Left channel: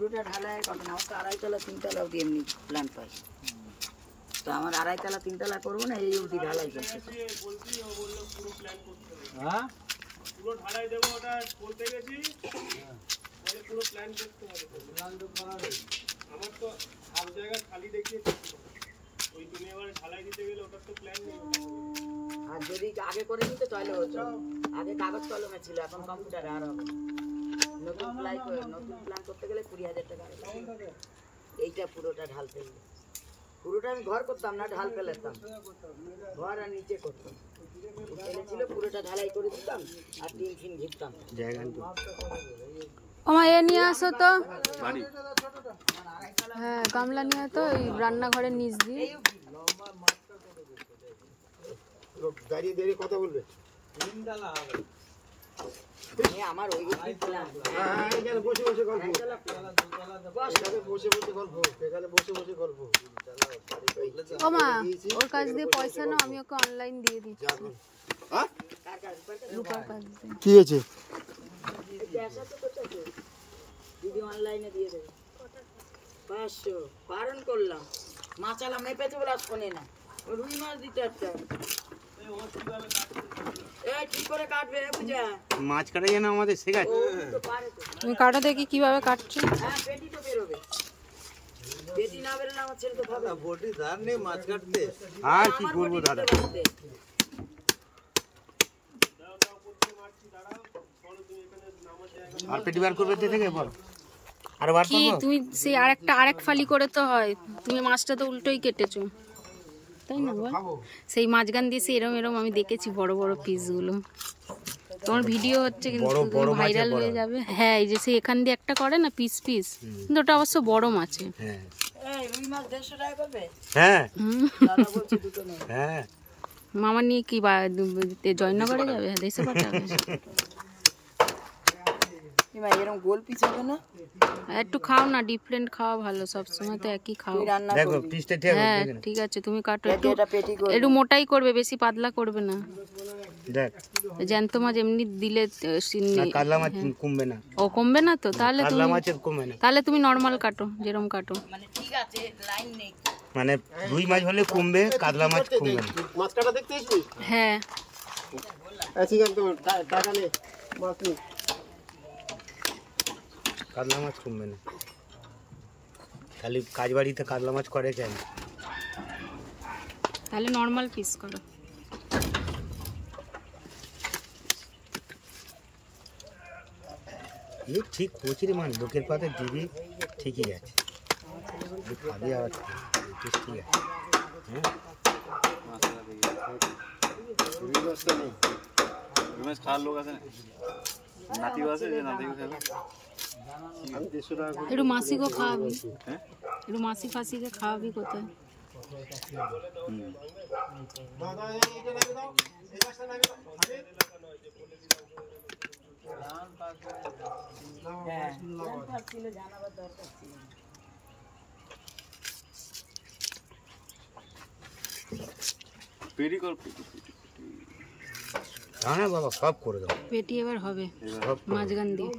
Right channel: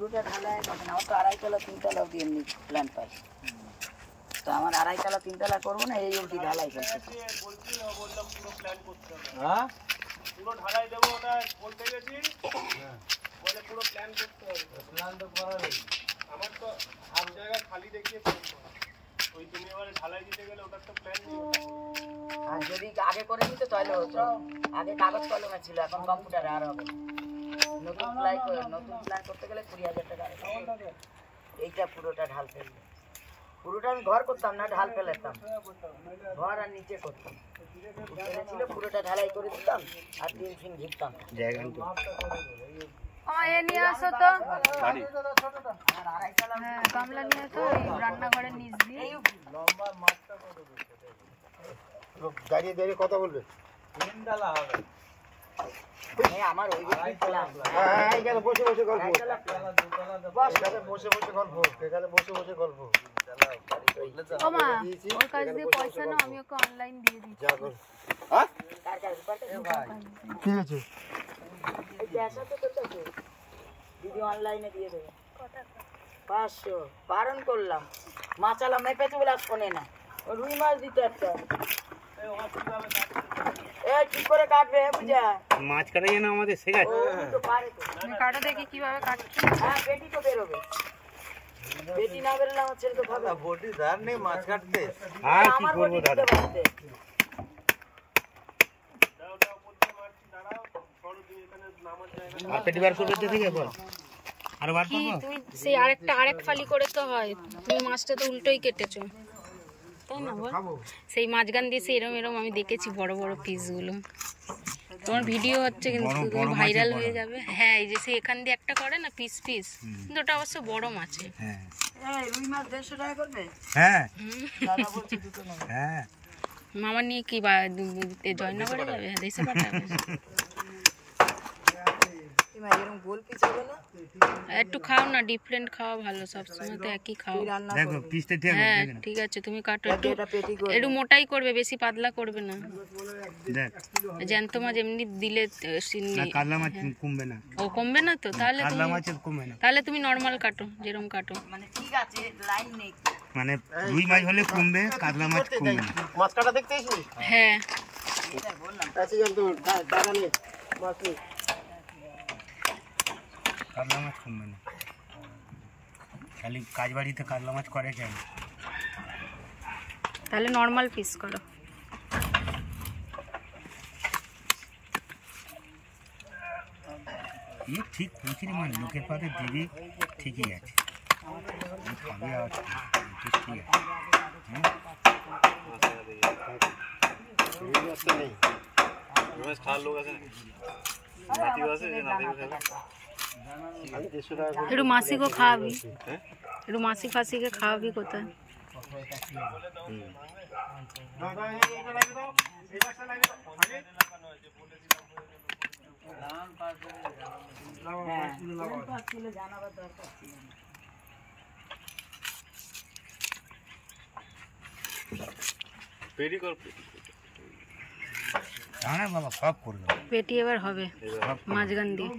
পুরোটা ঢালাই হবে না, আমার তো 2.5 তলা 3 তলা দিয়ে এমনি প্ল্যান পাই, তো আমার 2.5 তলা 3 তলা করবো না, এই অবধি ঢালাই করতে পুরো প্ল্যান করতে হবে। হ্যাঁ পুরো ঢালাই দেবো, ওটা বলতে গেছি বলে পুরো প্ল্যান করতে হবে। প্ল্যান তো করা নেই, আমার তো সব জায়গা খালি দেখিয়ে ওই তুমি এবারে ঢালাই দিতে গেলে ওটার তো প্ল্যান নেই। আর যদি আগে করে নিতে তাহলে হতো, আগে কাগজ কলমে ছিল, এখন কম্পিউটারে আর হবে। নতুন প্ল্যান করতে গেলে 20,000 টাকা। এইটা পুরোটা ঢাল ফেললে, পুরোটা আমি ঘর করতাম না, ঢাল ফেলেতাম, ঘর আর নিচে করতাম, ফেলেছিল পুরোটা ঢালাই করে দিতাম আর 3 ফিন ঘিরতাম জায়গা। আমার এ নিয়ে আসো তো, হ্যাঁ গামলা নিয়ে তো, এই রান্নাঘরের নিচ দিয়ে। দাঁড়িয়ে দাঁড়িয়ে কথা বলবে, আমার ওই প্ল্যান এখানে বসে বসে গল্প, এখানে বসে বসে গল্প, এখানে বসে বসে গল্প। ও মা, ওর কাছ দিয়ে পয়সা নাও, আমি ওকে অনলাইন দিয়ে দিচ্ছি। কি হয়েছে? দিদি অনলাইনে দিয়ে দেবে 500, বারণ করলাম, মাছালা মেপেছে বলে আর শোনে না। রুই মাছ দিতে একটা, ঠিক করে কাটবে, বুঝা মাছ কাটা যায় না আমাদের, শেখাচ্ছে। তুমি কাটো দেখি কিভাবে কাটছো। হ্যাঁ পেটি তো বেরোবে, পেটি না বেরোলে আমার ছেলে তো খাবে না। বটি ধার নেই মাছ কাটতে, আর কি করবো দাদা। আর পেটি বার করবে থেকে বল, আর বার কি তুমি সেই আরেক ফালি করে তো হয়, তুমি মাছটা তো উল্টোই কেটেছো তাই না বল? সেই মাঝখান দিয়ে সে এরম আমি দেখেছি বড় বড় পিসগুলো, তোমার ভিডিও হচ্ছে কিন্তু ভাইরাল হয়ে যাবে। হ্যাঁ এই যে সে এখান দিয়ে একটা করে না পিস পিস, কিন্তু ওটা অবশ্য বড় মাছে। রুই মাছ 150 টাকা করবে। হ্যাঁ দাদা বলছে দুটো নেই। হ্যাঁ মামা নিয়ে কি জয়নগরে যাবে, দেশে পাঠাবে। এরকম গোল পিস হবে না, একটু খাও না, ডিফারেন্ট খাওয়া ভালো, সবসময় তো একই খাও। দেখো পিসটা ঠিক আছে। হ্যাঁ ঠিক আছে, তুমি কাটো, একটু মোটাই করবে, বেশি পাতলা করবে না। দেখ জ্যান্ত মাছ এমনি দিলে কাতলা মাছ কমবে না, ও কমবে না তো, তাহলে কাতলা মাছের কমবে না, তাহলে তুমি নরমাল কাটো যেরকম কাটো। মানে ঠিক আছে লাইন নেই, মানে রুই মাছ হলে কমবে, কাতলা মাছ কমবে না। মাছ কাটা দেখতে আসবি? হ্যাঁ কাতলা মাছ কমবে না, খালি কাজ বাড়িতে কাতলা মাছ করে কেন? তাহলে নরমাল পিস করো। ঠিক কচুরি মাছ লোকের পাতে দিবি, ঠিকই আছে, খাবি আবার ঠিক আছে। খাওয়ার লোক আছে, নাতিও আছে, যে নাতিও খাবে। একটু মাসিকে খাওয়াবি, একটু মাসি ফাসিকে খাওয়াবি কোথায়। পেটি কর, বাবা সব করে দাও, পেটি এবার হবে মাঝখান দিয়ে।